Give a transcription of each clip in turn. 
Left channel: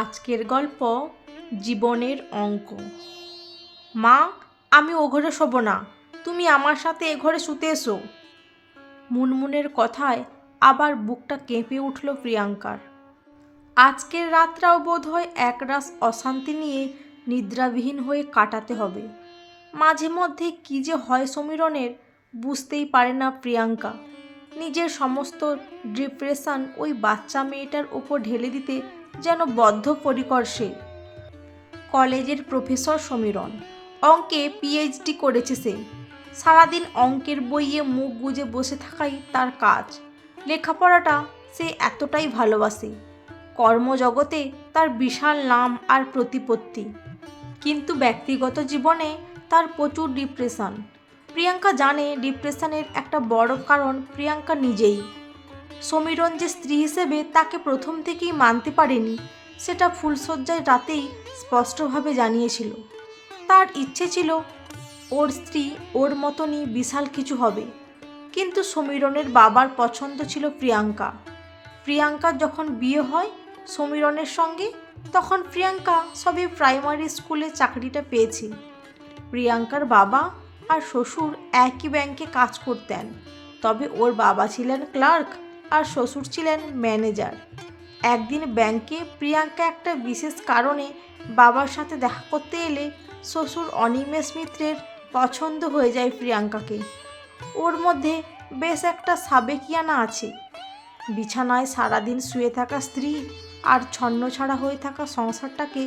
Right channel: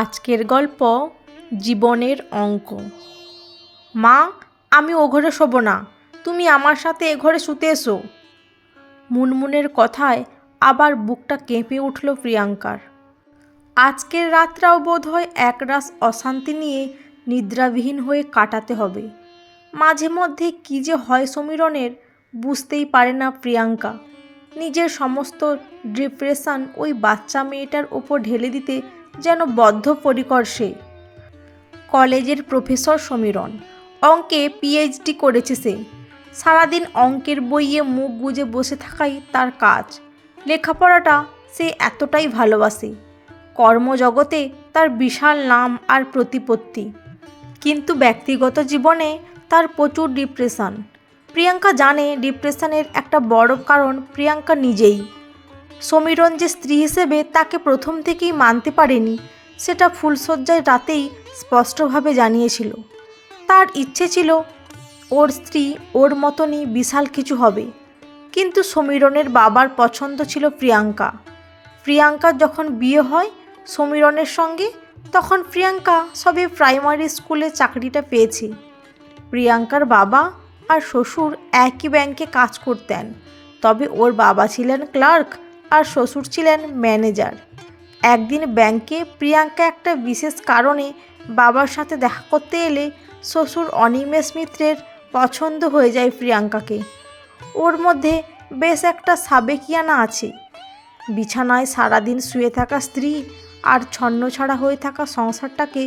আজকের গল্প জীবনের অঙ্ক। মা, আমি ও ঘরে শোবো না, তুমি আমার সাথে এ ঘরে শুতে এসো। মুনমুনের কথায় আবার বুকটা কেঁপে উঠল প্রিয়াঙ্কার। আজকের রাতটাও বোধহয় একরাশ অশান্তি নিয়ে নিদ্রাবিহীন হয়ে কাটাতে হবে। মাঝে মধ্যে কী যে হয় সমীরণের বুঝতেই পারে না প্রিয়াঙ্কা। নিজের সমস্ত ডিপ্রেশন ওই বাচ্চা মেয়েটার ওপর ঢেলে দিতে যেন বদ্ধপরিকর সে। কলেজের প্রফেসর সমীরণ, অঙ্কে পিএইচডি করেছে সে। সারাদিন অঙ্কের বইয়ে মুখ গুজে বসে থাকাই তার কাজ। লেখাপড়াটা সে এতটাই ভালোবাসে। কর্মজগতে তার বিশাল নাম আর প্রতিপত্তি, কিন্তু ব্যক্তিগত জীবনে তার প্রচুর ডিপ্রেশন। প্রিয়াঙ্কা জানে ডিপ্রেশনের একটা বড় কারণ প্রিয়াঙ্কা নিজেই। সমীরণ যে স্ত্রী হিসেবে তাকে প্রথম থেকেই মানতে পারেনি সেটা ফুলশয্যার রাতেই স্পষ্টভাবে জানিয়েছিল। তার ইচ্ছে ছিল ওর স্ত্রী ওর মতনই বিশাল কিছু হবে, কিন্তু সমীরণের বাবার পছন্দ ছিল প্রিয়াঙ্কা। প্রিয়াঙ্কার যখন বিয়ে হয় সমীরণের সঙ্গে, তখন প্রিয়াঙ্কা সবে প্রাইমারি স্কুলে চাকরিটা পেয়েছে। প্রিয়াঙ্কার বাবা আর শ্বশুর একই ব্যাংকে কাজ করতেন, তবে ওর বাবা ছিলেন ক্লার্ক আর শ্বশুর ছিলেন ম্যানেজার। একদিন ব্যাংকে প্রিয়াঙ্কা একটা বিশেষ কারণে বাবার সাথে দেখা করতে এলে শ্বশুর অনিমেষ মিত্রের পছন্দ হয়ে যায় প্রিয়াঙ্কাকে। ওর মধ্যে বেশ একটা সাবেকিয়ানা আছে। বিছানায় সারাদিন শুয়ে থাকা স্ত্রী আর ছন্নছাড়া হয়ে থাকা সংসারটাকে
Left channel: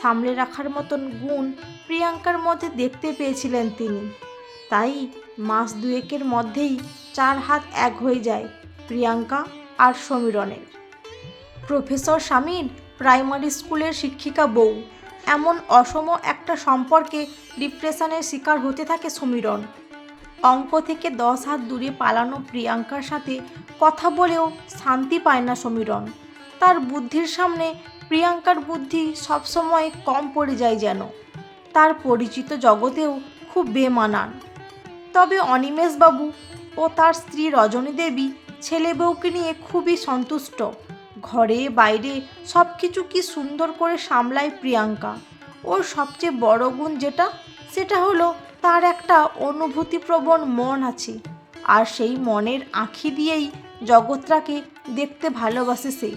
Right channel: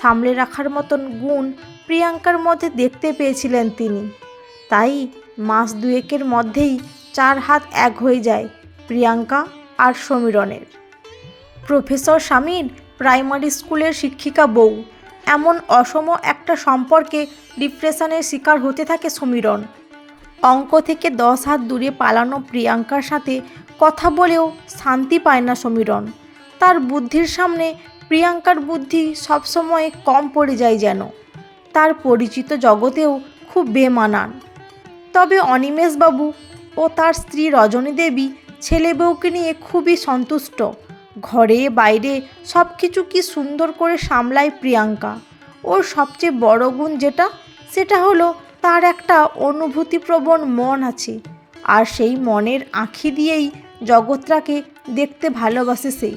সামলে রাখার মতন গুণ প্রিয়াঙ্কার মধ্যে দেখতে পেয়েছিলেন তিনি। তাই মাস দুয়েকের মধ্যেই 4 হাত এক হয়ে যায় প্রিয়াঙ্কা আর সমীরণের। প্রফেসর স্বামীর প্রাইমারি স্কুলের শিক্ষিকা বউ, এমন অসম একটা সম্পর্কে ডিপ্রেশনের শিকার হতে থাকে সমীরণ। অঙ্ক থেকে 10 হাত দূরে পালানো প্রিয়াঙ্কার সাথে কথা বলেও শান্তি পায় না সমীরণ। তার বুদ্ধির সামনে প্রিয়াঙ্কার বুদ্ধি সবসময় কম পড়ে যায় যেন। তার পরিচিত জগতেও খুব বেমানান। তবে অনিমেষবাবু ও তার স্ত্রী রজনী দেবী ছেলে বউকে নিয়ে খুবই সন্তুষ্ট। ঘরে বাইরে সব কিছু কি সুন্দর করে সামলায় প্রিয়াঙ্কা। ওর সবচেয়ে বড় গুণ সেটা হলো তার একটা অনুভূতিপ্রবণ মন আছে, আর সেই মনের আঁখি দিয়েই জগৎটাকে দেখতে ভালোবাসে সেই,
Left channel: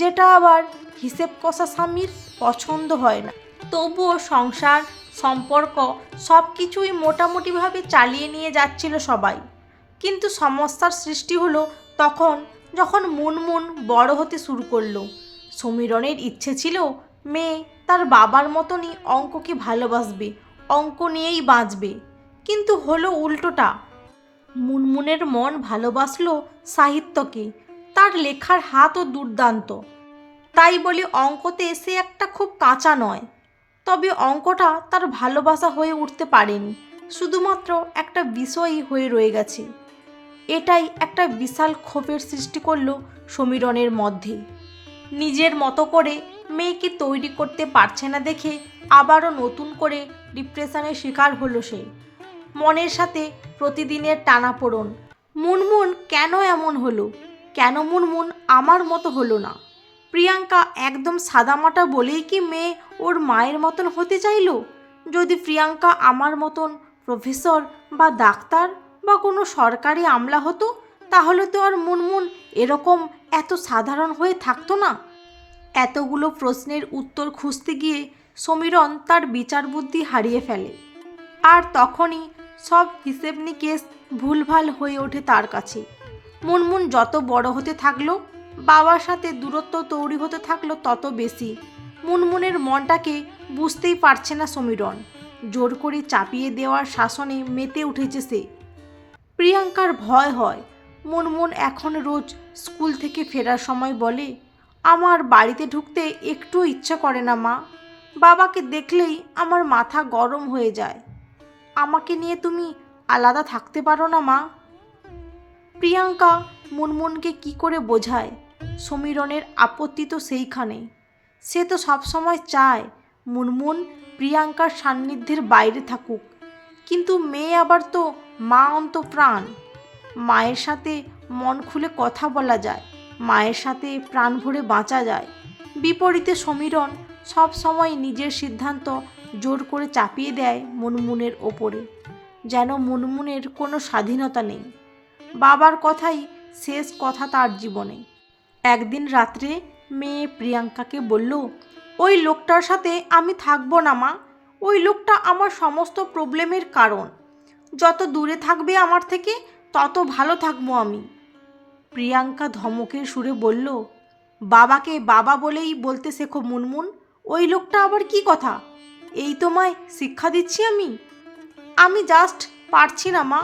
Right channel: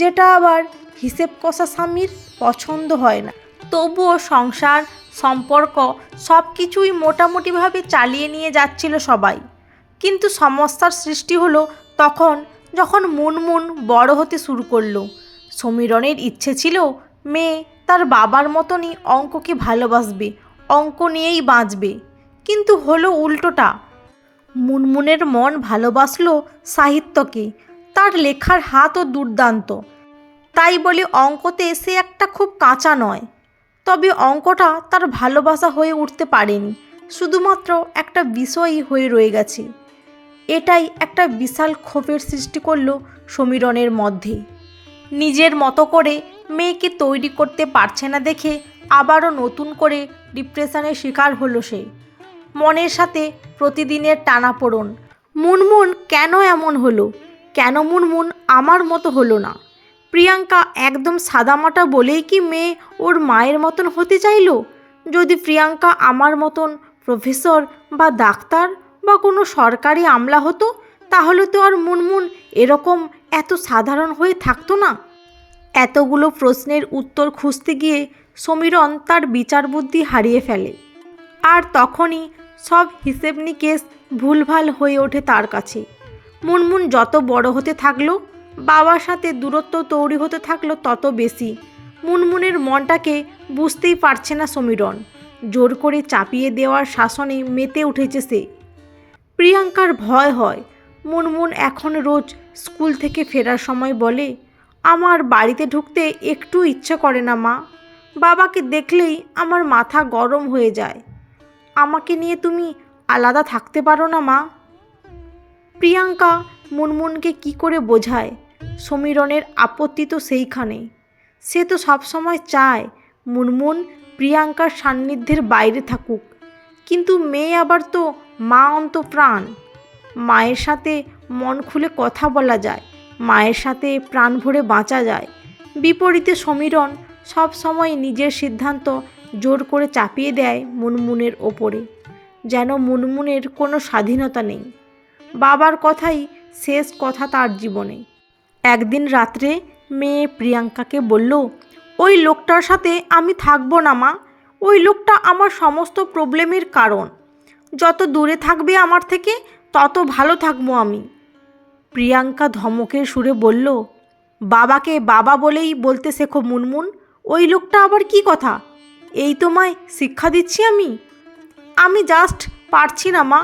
যেটা আবার হিসেব কষা স্বামীর পছন্দ হয় না। তবুও সংসার সম্পর্ক সব কিছুই মোটামুটিভাবে চালিয়ে নিয়ে যাচ্ছিল সবাই। কিন্তু সমস্যার সৃষ্টি হলো তখন যখন মুনমুন বড় হতে শুরু করলো। সমীরণের ইচ্ছে ছিল মেয়ে তার বাবার মতনই অঙ্ককে ভালোবাসবে, অঙ্ক নিয়েই বাঁচবে, কিন্তু হলো উল্টোটা। মুনমুনের মন ভালোবাসলো সাহিত্যকে, তার লেখার হাতও দুর্দান্ত। তাই বলে অঙ্কতে সে একটা খুব কাঁচা নয়। তবে অঙ্কটা তার ভালোবাসা হয়ে উঠতে পারেনি, শুধুমাত্র একটা বিষয়ই হয়ে রয়ে গেছে। এটাই একটা বিশাল ক্ষোভের সৃষ্টি করলো সমীরণের মধ্যে। নিজের মতো করে মেয়েকে তৈরি করতে পারছে না দেখে আবারও নতুন করে ডিপ্রেশনের শিকার হলো সে। মনের সাথে প্রতিদিনের টানাপোড়েন। মুনমুন কেন এমন হলো? কেন মুনমুন আমার মতো হলো না? প্রিয়াঙ্কা একদম সাদামাটা বলেই কি মেয়ে ওর মায়ের মতন হতে চাইলো? যদি প্রিয়াঙ্কা আমার মতন প্রফেসর বা ডাক্তার বা কোনো সরকারি আমলা হতো, তাহলে তো আর মুনমুন এরকম এত সাধারণ হয়ে থাকতো না। এতগুলো প্রশ্নের উত্তর খুঁজতে গিয়ে সমীরণ তার বিচার বুদ্ধি হারিয়ে ফেলে, আর তখনই সব হিসেব নিকেশ ভুলভাল হয়ে ওঠে তার কাছে। মুনমুন যত বড় হতে থাকলো, বাবার সাথে দূরত্ব তৈরি হতে থাকলো তত বেশি। মুনমুনের মনটাকে বুঝতেই পারছে না সমীরণ। জোর করে চাপিয়ে দেওয়ার শাসনে মেতে উঠেছে সে। প্রিয়াঙ্কার ভয় হয় মুনমুন এখন রোজ স্কুল থেকে ফেরার সময় বলে, আমার বাড়িতে ঢুকতে একটু ইচ্ছে করে না মা, বাবাকে দেখলেই আমার মাথা গরম হয়ে যায়, আমাকে নিয়ে তুমি আলাদা থাকতে পারো না মা। প্রিয়াঙ্কা মুনমুনকে কি করে বোঝায়? সমীরণের আপত্তি তো সেইখানে। সে তো সবসময় চায় মুনমুন প্রিয়াঙ্কার সান্নিধ্যের বাইরে থাকুক, কিন্তু মেয়ে আবার তো মা অন্তঃপ্রাণ। মায়ের সাথে মন খুলে কথা বলা যায়, মায়ের সাথে প্রাণ ভরে বাঁচা যায়, বিপরীতে সমীরণ সব সময় নিজের সিদ্ধান্ত জোর করে চাপিয়ে দেয় মুনমুনের ওপরে, যেন মুনমুনের কোনো স্বাধীনতা নেই। বাবার কথাই শেষ কথা তার জীবনে। একদিন রাত্রে মেয়ে প্রিয়াঙ্কাকে বলল, ওই লোকটার সাথে আমি থাকবো না মা, ওই লোকটা আমার সমস্ত প্রবলেমের কারণ। যত দূরে থাকবে আমার থেকে তত ভালো থাকবো আমি। প্রিয়াঙ্কা ধমকের সুরে বলল, বাবাকে বাবা বলেই বলতে শেখো মুনমুন, ওই লোকটা আবার কি কথা? এই তোমায় শিক্ষা দিচ্ছি আমি জাস্ট পারছি না মা,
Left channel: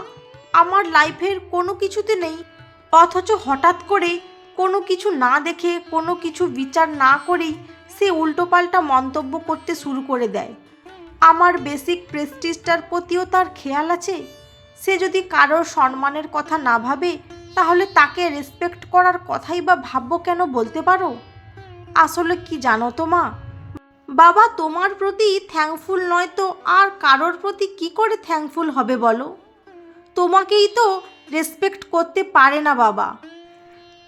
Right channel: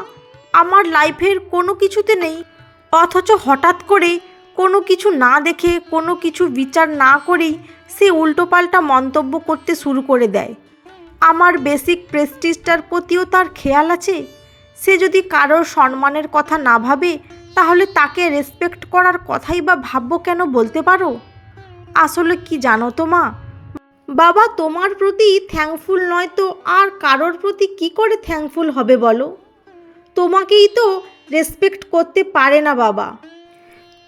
আমার লাইফের কোনো কিছুতে নেই, অথচ হঠাৎ করে কোনো কিছু না দেখে কোনো কিছু বিচার না করেই সে উল্টোপাল্টা মন্তব্য করতে শুরু করে দেয়। আমার বেসিক প্রেস্টিজটার প্রতিও তার খেয়াল আছে। সে যদি কারোর সম্মানের কথা না ভাবে তাহলে তাকে রেসপেক্ট করার কথাই বা ভাববো কেন বলতে পারো? আসলে কি জানো তো মা, বাবা তোমার প্রতি থ্যাঙ্কফুল নয় তো আর কারোর প্রতি কি করে থ্যাঙ্কফুল হবে বলো? তোমাকেই তো রেসপেক্ট করতে পারে না বাবা।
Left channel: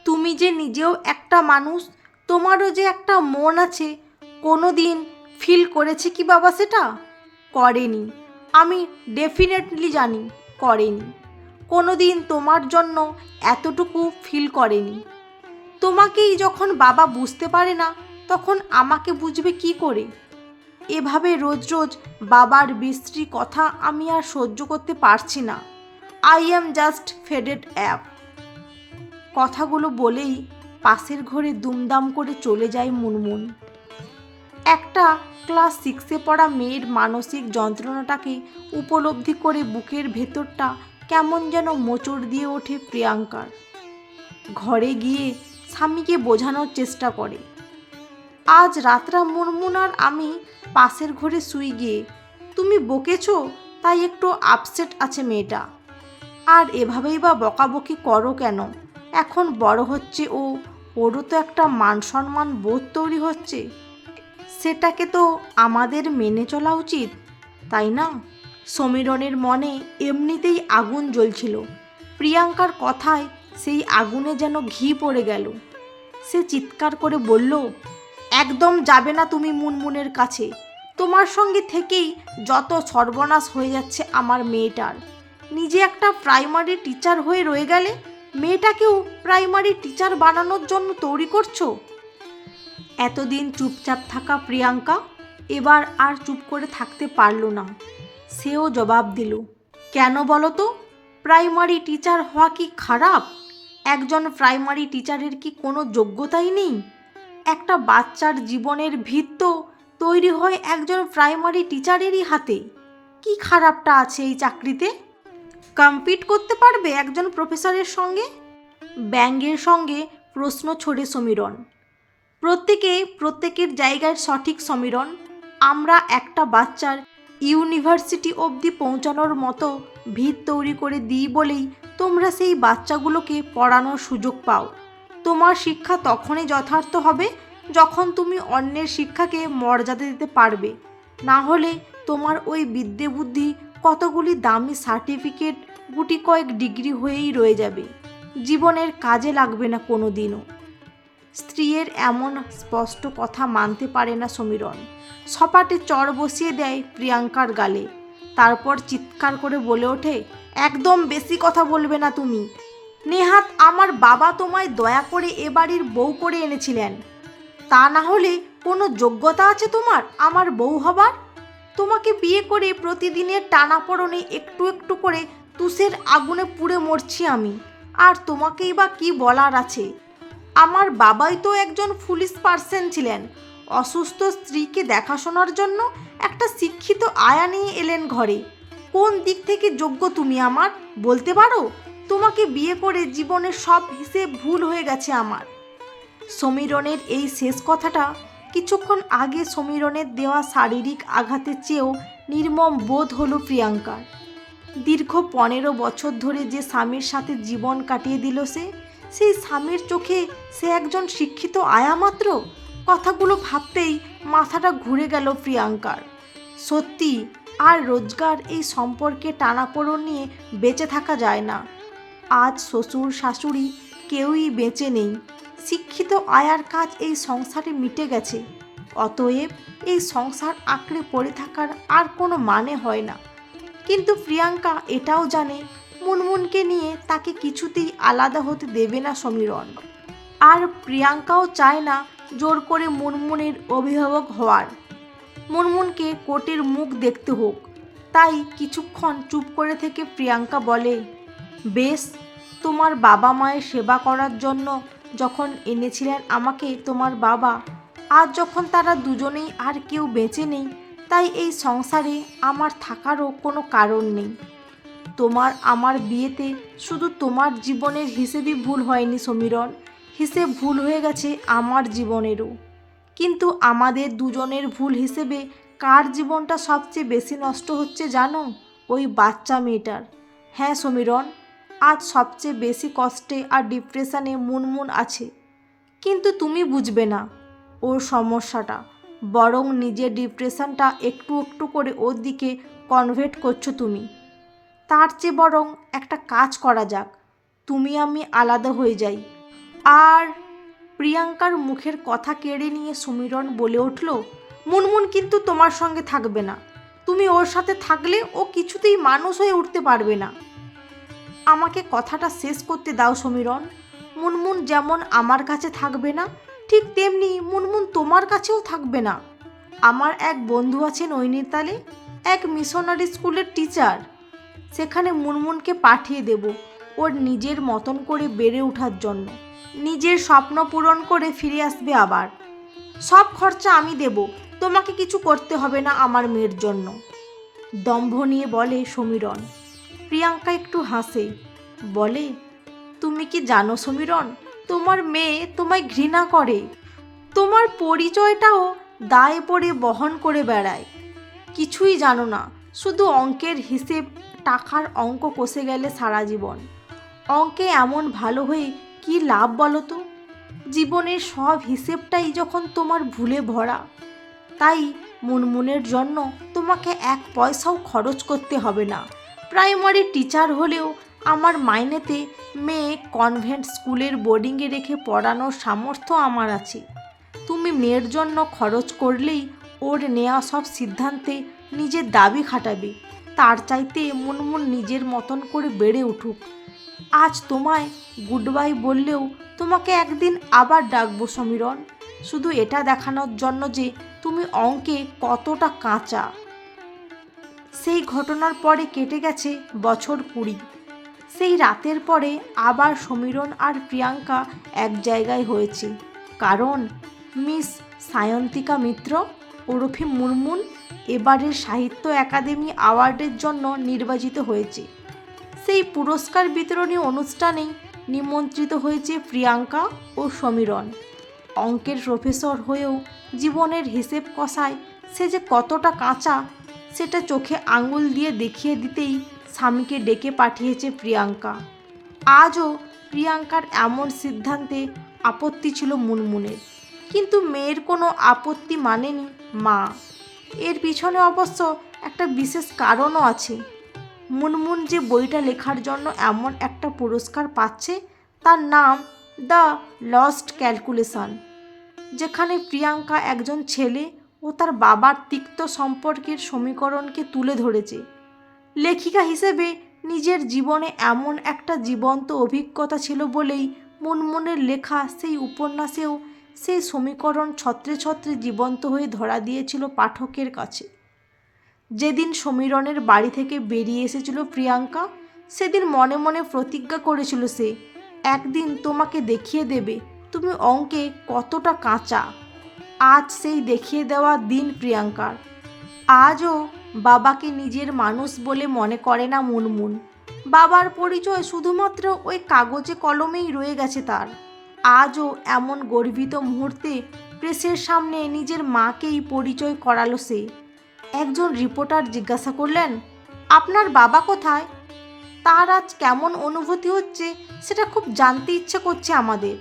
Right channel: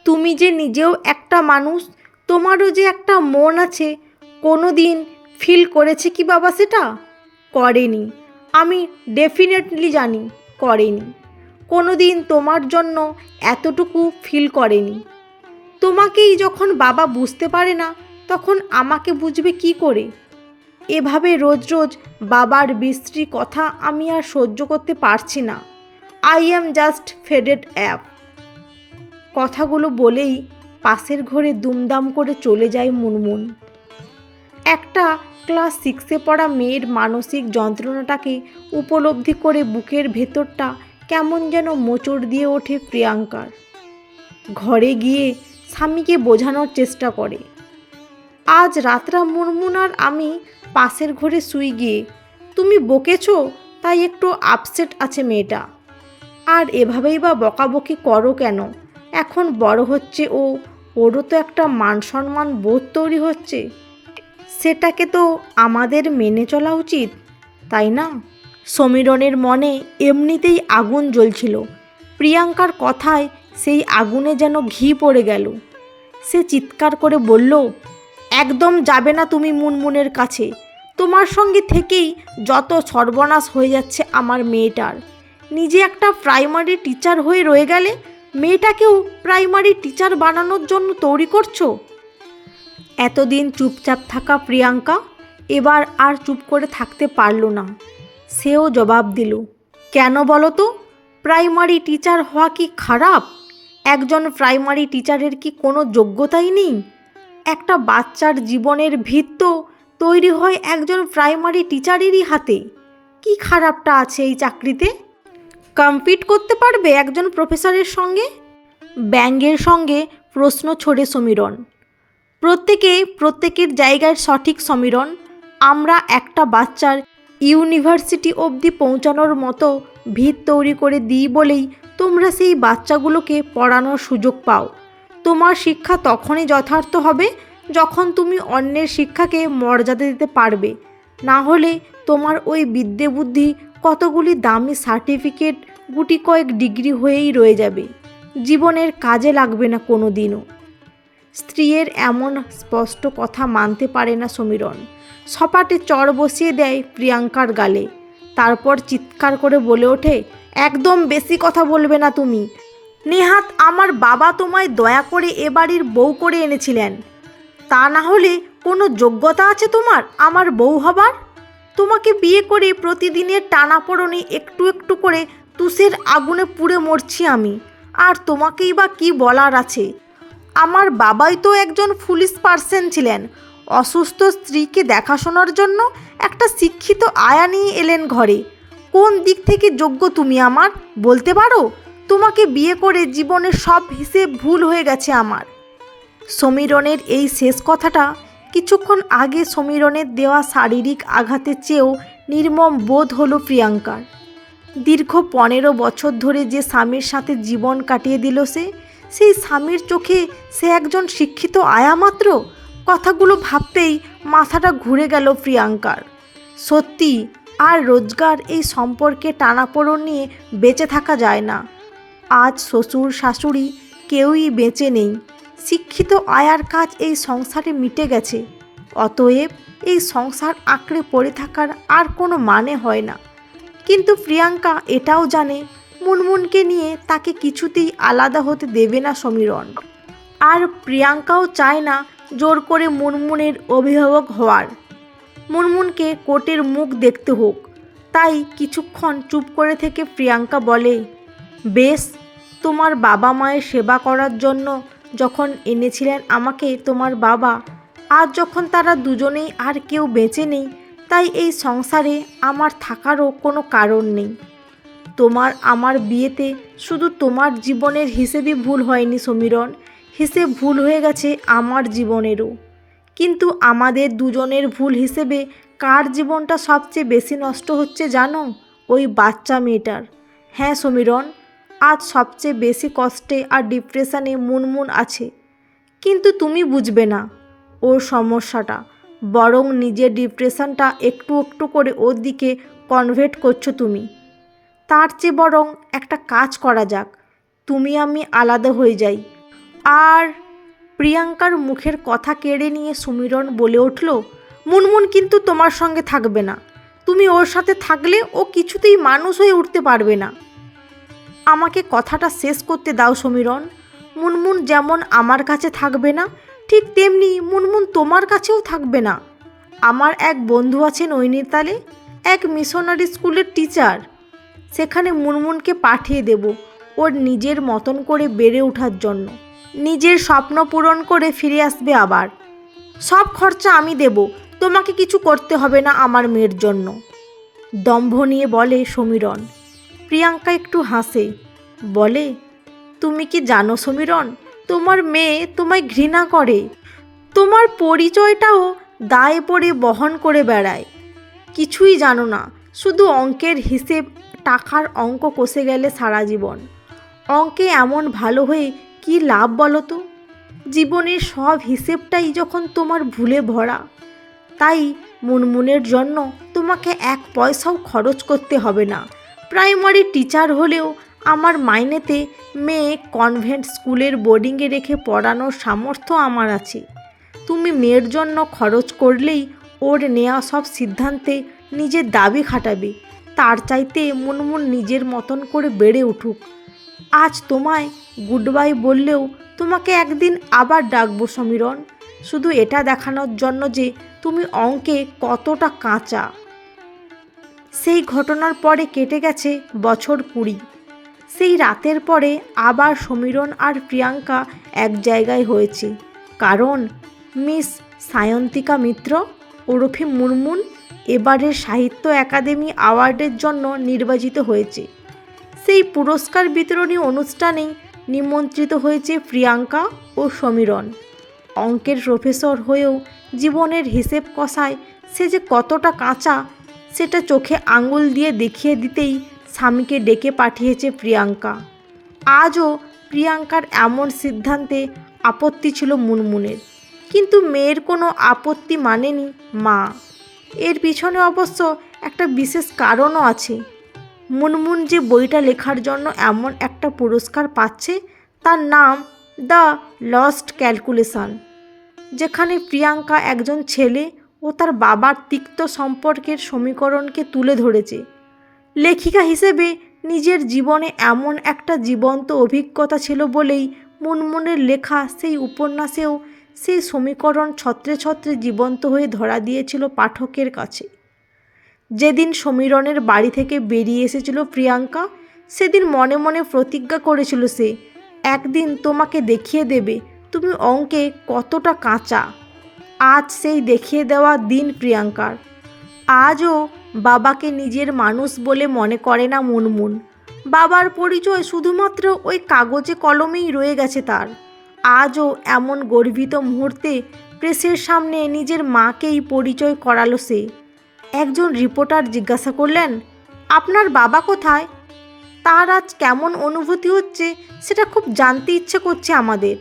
তুমি যে নিজেও একটা মানুষ, তোমারও যে একটা মন আছে, কোনো দিন ফিল করেছে কি বাবা সেটা? করেনি। আমি ডেফিনেটলি জানি করেনি। কোনো দিন তোমার জন্য এতটুকু ফিল করেনি। তোমাকেই যখন বাবা বুঝতে পারে না তখন আমাকে বুঝবে কি করে? এভাবে রোজ রোজ বাবার বিশ্রী কথা আমি আর সহ্য করতে পারছি না। I am just faded app. কথাগুলো বলেই পাশের ঘরে দুমদাম করে চলে যায় মুনমুন। একটা ক্লাস 6-এ পড়া মেয়ের মানসিক যন্ত্রণাটাকে উপলব্ধি করে বুকের ভেতরটা কেমন যেন মোচড় দিয়ে ওঠে প্রিয়াঙ্কার। ঘরে গিয়ে স্বামীকে বোঝানোর চেষ্টা করে। আজ রাতটা মুনমুন আর আমি পাশের ঘরে শুই গিয়ে তুমি বকেছো তাই একটু আপসেট আছে মেয়েটা। আর এভাবেই বা বকাবকি করো কেন? এখন বড় হচ্ছে ও, ওরও তো একটা মান সম্মান বোধ তৈরি হচ্ছে, সেটাকে তো আমাদের মেনে চলা উচিত, তাই না? সমীরণের মনে এমনিতেই আগুন জ্বলছিল। প্রিয়াঙ্কার কথায় সেই আগুনে যেন ঘি পড়ে গেল। সে চিৎকার করে বলল, একদম যাবে না তুমি মুনমুনের কাছে। তোমার সঙ্গে থেকেই যত সর্বনাশ হয়ে যাচ্ছে আমার মেয়েটার। নিজে একটা প্রাইমারি টিচার হয়ে রয়ে গেলে মেয়েটাকেও প্রাইমারি টিচার বানানোর জন্য তৈরি করছো। এতদিন চুপচাপ থাকা প্রিয়াঙ্কা এবার আর চুপ করে থাকতে পারল না। সেও জবাব দিল, কেন বলো তো? প্রাইমারি টিচার হওয়া কি খারাপ? একজন প্রাইমারি টিচারের কি কোনো যোগ্যতাই নেই? একটা বাচ্চার জীবনের ভিত তো তৈরি হয় একজন প্রাইমারি টিচারেরই হাতে। কি খারাপটা আছে এই চাকরিতে? কম্পিট করতে পারবে একজন প্রফেসরের সঙ্গে? ব্যঙ্গের সঙ্গে প্রশ্ন ছোড়ে সমীরণ। প্রত্যেকের জায়গায় সঠিক সমীরণ। আমরা একটা বাচ্চার ইউনিভার্সিটি অবধি পৌঁছানোর মতো ভিত তৈরি করে দিই বলেই তোমরা সেই বাচ্চাগুলোকে পড়ানোর সুযোগ পাও। তোমার শিক্ষা তখনই যথার্থ হবে যখন তুমি অন্যের শিক্ষাকে মর্যাদা দিতে পারবে। না হলে তোমার ওই বিদ্যে বুদ্ধি কতগুলি দামি সার্টিফিকেট, গুটি কয়েক ডিগ্রি হয়েই রয়ে যাবে, জীবনের কাজে লাগবে না কোনো দিনও। স্ত্রীর এমন স্পষ্ট কথা মানতে পারে না সমীরণ। সপাটে চড় বসিয়ে দেয় প্রিয়াঙ্কার গালে। তারপর চিৎকার করে বলে ওঠে, একদম বেশি কথা বলবে না তুমি। নেহাত আমার বাবা তোমায় দয়া করে এ বাড়ির বউ করে এনেছিলেন, তা না হলে কোনো যোগ্যতা আছে তোমার আমার বউ হবার? তোমাকে বিয়ে করে প্রতিদিনের টানাপোড়েনে একটু একটু করে তুষের আগুনে পুড়ে মরছি আমি, আর তোমাকেই বা কী বলার আছে? আমার বাবাই তো একজন ফুলিশ পার্সন ছিলেন। অসুস্থ স্ত্রীকে দেখাশোনার জন্য একটা শিক্ষিত আয়া নিয়ে এলেন ঘরে। কোন দিক থেকে যোগ্য তুমি আমার বলতে পারো? তোমাকে বিয়ে করে জীবনের সব হিসেব ভুল হয়ে গেছে আমার। সমীরণের এই শেষ কথাটা কিছুক্ষণ আগে সমীরণের দেওয়া শারীরিক আঘাতের চেয়েও নির্মম বোধ হলো প্রিয়াঙ্কার। দীর্ঘ 15 বছর ধরে যে স্বামীর সাথে জীবন কাটিয়ে দিল সেই স্বামীর চোখে সে একজন শিক্ষিত আয়া মাত্র। কথাগুলো ভাবতেই মাথাটা ঘুরে গেল প্রিয়াঙ্কার। সত্যি আর রোজগার এই সম্পর্কে টানাপোড়েন নিয়ে বেঁচে থাকা যায় না। আজ শ্বশুর শাশুড়ি কেউই বেঁচে নেই। শিক্ষিত আয়ার কাজ এই সংসারে মিটে গেছে, অতএব এই সংসার আঁকড়ে পড়ে থাকার আর কোনো মানে হয় না। কিন্তু প্রিয়াঙ্কা এটাও জানে মুনমুনকে নিয়ে তাকে কিছুতেই আলাদা হতে দেবে না সমীরণ। আর প্রিয়াঙ্কাও চায় না জোর করে মুনমুনের অভিভাবক হওয়ার, মুনমুনকে কোর্টের মুখ দেখতে হোক। তাই কিছুক্ষণ চুপ করে থেকে প্রিয়াঙ্কা বলে, বেশ, তোমার বাবা মায়ের সেবা করার জন্য যখন এনেছিলেন আমাকে তোমার বাবা, আজ যখন তারা দুজনেই আর কেউ বেঁচে নেই, তাই এই সংসারে আমার থাকারও কোনো কারণ নেই। তোমার আমার বিয়েতে শুধু তোমার জীবনের হিসেবই ভুল হয়নি সমীরণ, হিসেব ভুল হয়ে গেছে আমার জীবনেরও। কিন্তু আমাদের দুজনের ভুল হিসেবে কার জীবনটা সবচেয়ে বেশি নষ্ট হচ্ছে জানো? ওই বাচ্চা মেয়েটার। হ্যাঁ সমীরণ, আজ সবচেয়ে বেশি কষ্টে আর ডিপ্রেশনে মুনমুন আছে। কিন্তু তুমি বুঝবে না ওর সমস্যাটা, বরং নিজের ডিপ্রেশনটা একটু একটু করে ওর দিকে কনভার্ট করছো তুমি। তার চেয়ে বরং একটা কাজ করা যাক, তুমি আমি আলাদা হয়ে যাই। আর প্রিয়াঙ্কার মুখের কথা কেড়ে নিয়ে সমীরণ বলে উঠল, মুনমুন কিন্তু তোমার সঙ্গে থাকবে না। তুমি ওর সাথে থাকলে ও কিছুতেই মানুষ হয়ে উঠতে পারবে না। আমাকে কথাটা শেষ করতে দাও সমীরণ। মুনমুন যেমন আমার কাছে থাকবে না, ঠিক তেমনি মুনমুন তোমার কাছেও থাকবে না। আমার এক বন্ধু আছে নৈনিতালে, এক মিশনারি স্কুলের টিচার। সেখানে মুনমুনকে পাঠিয়ে দেব ওর নিজের মতন করে বেড়ে ওঠার জন্য। নিজের স্বপ্ন পূরণ করে ফিরে আসবে আবার। সব খরচা আমি দেব, তোমাকে কিছু করতে হবে না আমার মেয়ের জন্য, দম্ভ নিয়ে বলে সমীরণ। প্রিয়াঙ্কা একটু হাসে, বলে, তুমি কি জানো সমীরণ, তোমার মেয়ে তোমায় ঘৃণা করে। তোমার পরিচয়টাও দায়ে পড়ে বহন করে বেড়ায়। কিছুই জানো না, শুধু অঙ্কের হিসেব, টাকার অঙ্ক কষে গেলে সারা জীবন। অঙ্কে এমন ভালো হয়ে কি লাভ বলো তো? জীবনের সব হিসেবটাই যখন তোমার ভুলে ভরা। তাই মুনমুনের জন্য তোমাকে এক পয়সাও খরচ করতে হবে না। প্রাইমারি টিচার হলেও আমার মাইনেতে মেয়ে কনভেন্ট স্কুলের বোর্ডিংয়ে রেখে পড়ানোর সামর্থ্য আমার আছে। তুমি মেয়ের জন্য খরচ করলেই ওর নেওয়া সব সিদ্ধান্তে নিজের দাবি খাটাবে। তার চাইতে মুনমুন নিজের মতন করে বেড়ে উঠুক। আজ তোমায় গুড বাই বললেও তোমাকে একদিন আবার ডাকবো সমীরণ, শুধু এটা দেখানোর জন্য যে তুমি অঙ্কে কতটা কাঁচা। সেই ঘটনার পরে কেটে গেছে বছর 20। সেই রাতের পরে আবার সমীরণ আর প্রিয়াঙ্কা এক জায়গায় হয়েছে, কারণ মিস সায়ন্তিকা মিত্র ওরফে মুনমুন এবারের সাহিত্য একাডেমি অ্যাওয়ার্ডের জন্য নির্বাচিত হয়েছে। সেই পুরস্কার বিতরণী অনুষ্ঠানে নিমন্ত্রিত হয়েছে প্রিয়াঙ্কা ও সমীরণ। অঙ্কের প্রফেসর হয়েও জীবনের হিসেব কষায় সে যে কতটা কাঁচা, সেটা চোখে আঙুল দিয়ে দেখিয়ে দিতেই স্বামীকে ডেকে পাঠিয়েছে প্রিয়াঙ্কা। আজও প্রিয়াঙ্কার এমন সিদ্ধান্তে আপত্তি ছিল মুনমুনের, কিন্তু মেয়ের কোনো আপত্তি মানেনি মা। এর পিছনে অবশ্য একটা বিশেষ কারণও আছে। মুনমুন যে বইটা লেখার জন্য এমন একটা পুরস্কার পাচ্ছে, তার নাম দ্য লস্ট ক্যালকুলেশন, যেখানে প্রিয়াঙ্কা একজন ছেলে ও তার বাবার তিক্ত সম্পর্কের সমীকরণকে তুলে ধরেছে। লেখিকা হিসেবে নিজের জীবনে এমন একটা জীবন্ত অভিজ্ঞতা ছিল বলেই মুনমুনের লেখা সেই উপন্যাসেও সেই সমীকরণ ছত্রে ছত্রে জীবন্ত হয়ে ধরা দিয়েছিল পাঠকের কাছে। যেদিন সমীরণের বাড়ি থেকে বেরিয়ে এসেছিল প্রিয়াঙ্কা, সেদিন মনে মনে প্রতিজ্ঞা করেছিল সে একদিন তোমাকে দেখিয়ে দেবে তুমি অঙ্কে কতটা কাঁচা। আজ সেই দেখিয়ে দেওয়া দিন প্রিয়াঙ্কার। আজও বাবাকে নিজের মানুষ বলে মনে করে না মুনমুন। বাবার পরিচয় শুধুমাত্র ওই কাগজে কলমেই রয়ে গেছে তার। আজও এমন গর্বিত মুহূর্তে প্রেসের সামনে নিজের মাকেই পরিচয় করালো সে। একজন রিপোর্টার জিজ্ঞাসা করলেন, আপনার বাবা কোথায়? তার আজ কেমন অনুভূতি হচ্ছে সেটা খুব জানতে ইচ্ছে করছে আমাদের।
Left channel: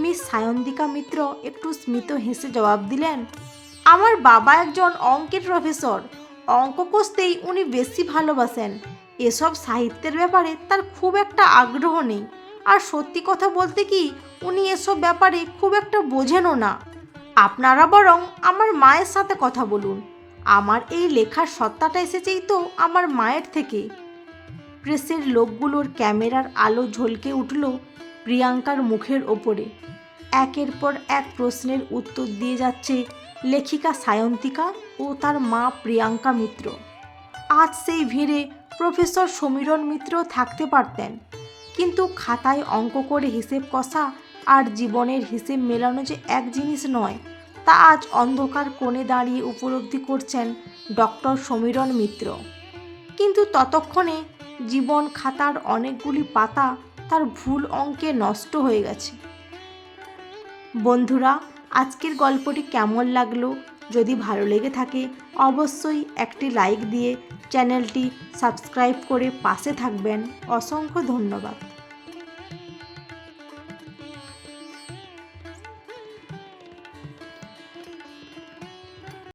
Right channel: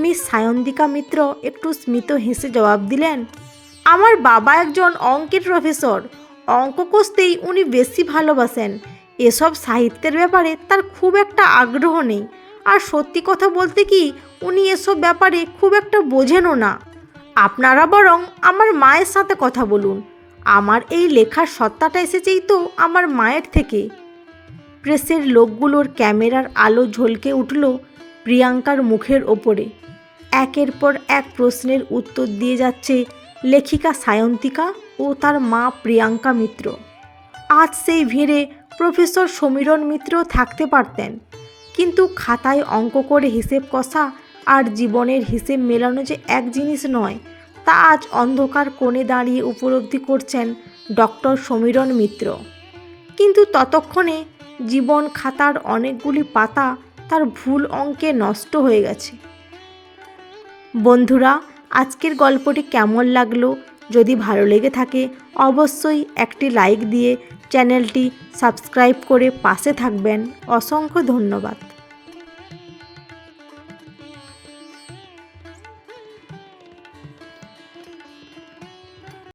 মিস সায়ন্তিকা মিত্র একটু স্মিত হেসে জবাব দিলেন, আমার বাবা একজন অঙ্কের প্রফেসর। অঙ্ক কষতেই উনি বেশি ভালোবাসেন। এসব সাহিত্যের ব্যাপারে তার খুব একটা আগ্রহ নেই। আর সত্যি কথা বলতে কি, উনি এসব ব্যাপারে খুব একটা বোঝেনও না। আপনারা বরং আমার মায়ের সাথে কথা বলুন। আমার এই লেখার সত্তাটা এসেছেই তো আমার মায়ের থেকে। প্রেসের লোকগুলোর ক্যামেরার আলো ঝলকে উঠল প্রিয়াঙ্কার মুখের ওপরে। একের পর এক প্রশ্নের উত্তর দিয়ে যাচ্ছে লেখিকা সায়ন্তিকা ও তার মা প্রিয়াঙ্কা মিত্র। আজ সেই ভিড়ে প্রফেসর সমীরণ মিত্রও থাকতে পারতেন, কিন্তু খাতায় অঙ্ক করে হিসেব কষা আর জীবনের হিসেব মেলানো যে এক জিনিস নয়, তা আজ অন্ধকার কোণে দাঁড়িয়ে উপলব্ধি করছেন ডক্টর সমীরণ মিত্র। কিন্তু ততক্ষণে জীবন খাতার অনেকগুলি পাতা তার ভুল অঙ্কে নষ্ট হয়ে গেছে। বন্ধুরা, আজকের গল্পটি কেমন লাগলো? যদি ভালো লেগে থাকে অবশ্যই একটি লাইক দিয়ে চ্যানেলটি সাবস্ক্রাইব করে পাশে থাকবেন। অসংখ্য ধন্যবাদ।